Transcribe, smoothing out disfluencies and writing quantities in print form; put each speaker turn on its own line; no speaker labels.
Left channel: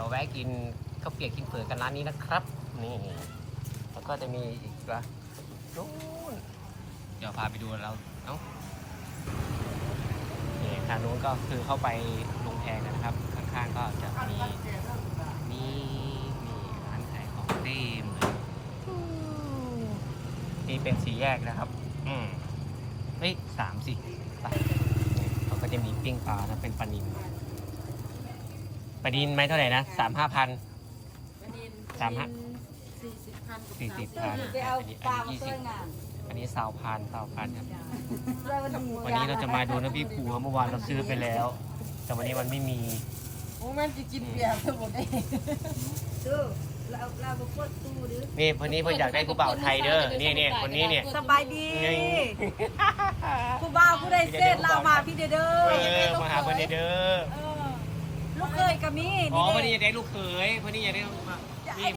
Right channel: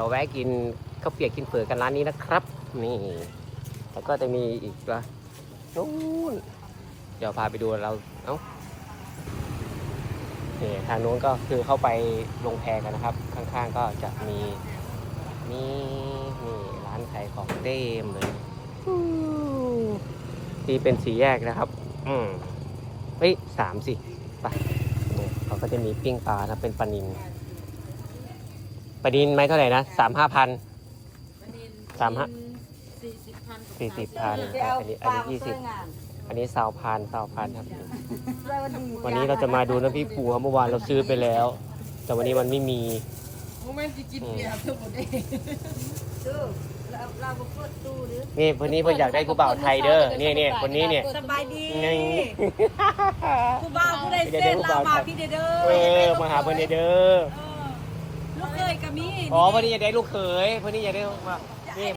เราแวะกินข้าวเปียกกินเผือกกันร้านนี้นะครับนี่แล้วก็จะมีอีกนะนู้นเดี๋ยวพาไปดูเรานี่ทางนู้นก็คือเข้าไปลงแพกันนะครับข้างๆก็จะมีนี่ร้านขายของเล่มเลยที่เป็นสี่แยกนะครับเฮ้ย3สิไปเราก็จะมีปิ้งปลานะเป็นปลานิลไม่เท่าไหร่นะ3-5 พัน
ปลานิล
40,000อันนี้20อันนี้20,000ครับวันนี้เราจะมาดูน้ำพริกปูครับเมื่อวานเราซื้อไปแล้ว แต่วันนี้มันไม่มี
มันจะกินเปียกทั้งหมดเลย
นี่คนนี้เพิ่งอยากได้ผู้บ่าวไทยเด้อนี่คนนี้เนี่ย
สบายดีผู้บ่าวผู้ใดเส้นลาวมาพี่เด้อ
มาหาเพื่อนเด้อ
ลูกเคยกับมี
อ๋อพอดีอยากได้ลูกเขยพอดีอยากได้